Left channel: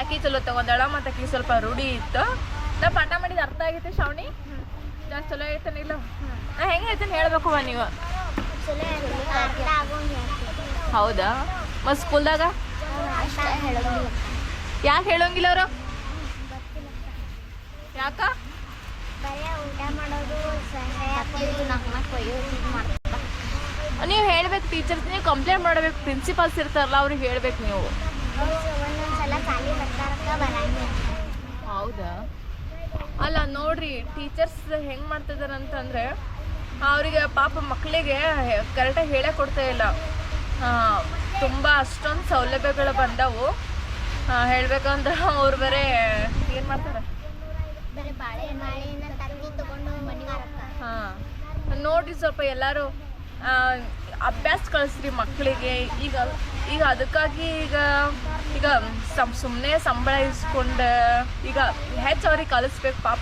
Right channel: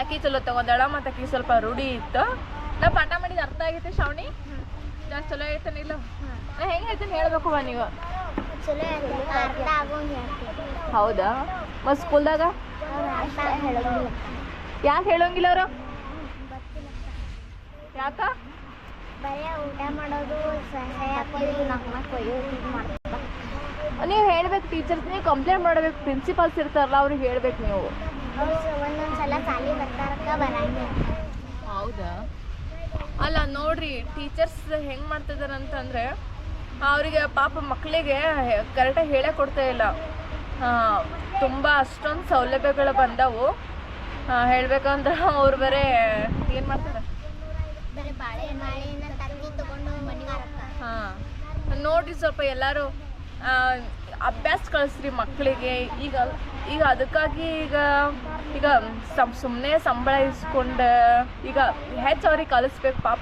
ಅಕ್ಕಿ ಚಲೋ ತಗೊಂಡಾಳ ಮತ್ತು ಅಕ್ಕಿ ಸ್ವಲ್ಪ ರೂಢಿ ಇತ್ತು. ನಾ ಪಾಠ ಮಾಡಿದ ಅರ್ಥ ಆಗೈತೆ ಶ್ರಾವಣಿ ಜಾಸ್ತಿ ಚಲೋ ಐತನಿಲ್ಲ ನಾ ಹೆಂಗೆ ಹೇಳ್ತೀನಿ ಹೇಳ್ಬೇಕು ನೀವು. ಹೌದಾ? ಮತ್ತು ಸ್ಕೂಲ್ದಾಗ? ಯಾಕೆ ಹೇಳೋಂಗಿಲ್ಲ ಅವರು? ಯಾಕ? ನೀವು ಹೇಳ್ಬೇಕು ಟೀಚರ್ಸ್, ನೀವು ಕಂಪ್ಲೇಂಟ್ ಮಾಡಬೇಕು ಪ್ರಿನ್ಸಿಪಾಲ್ಸ್ ಇರ್ತಾರಲ್ಲ, ಅವ್ರಿಗೆ ಹೇಳ್ಬೇಕು ನೀವು. ನೋಡ್ರಿ ಟೀಚರ್ಸ್ ಹೆಂಗೆ ಮಾಡ್ತಿದಾರೆ ಅಂತಂದ್ರೆ ಅವರಿಗೆ ಪಾಪ ಮಕ್ಕಳಿಗೆ ಕರೆಕ್ಟಾಗಿ ಹೇಳೇ ಕೊಡ್ತಾ ಇಲ್ಲ. ತುಂಬ ಅಷ್ಟೊಂದು ಸೌಲಭ್ಯಗಳು ಬಂದವು. ಹೇಳ್ಬೇಕಂದ್ರೆ ಅವ್ರು ಬೇರೆ ಏನು ಮಾಡ್ತಾರೆ? ಹಾಂ ನೋಡ್ರಿ ಸ್ವಲ್ಪ ಎಲ್ಲರೂ ಅಭ್ಯಾಸ ಕಳಿಸ್ರಿ ಮಕ್ಕಳಿಗೆ ಈಗ ಈಗ ಅದಕ್ಕಾಗಿ ಈಗ ಈಗ ಸಮ್ ಸುಮ್ಮನೆ ಸಂಬಳ ಇಸ್ಕೊಂಡು ಈಗ ಹೆಚ್ಚು ಅವ್ರಿಗೆ ಕಲಿಸ್ಬೇಕು ಪಾಪ.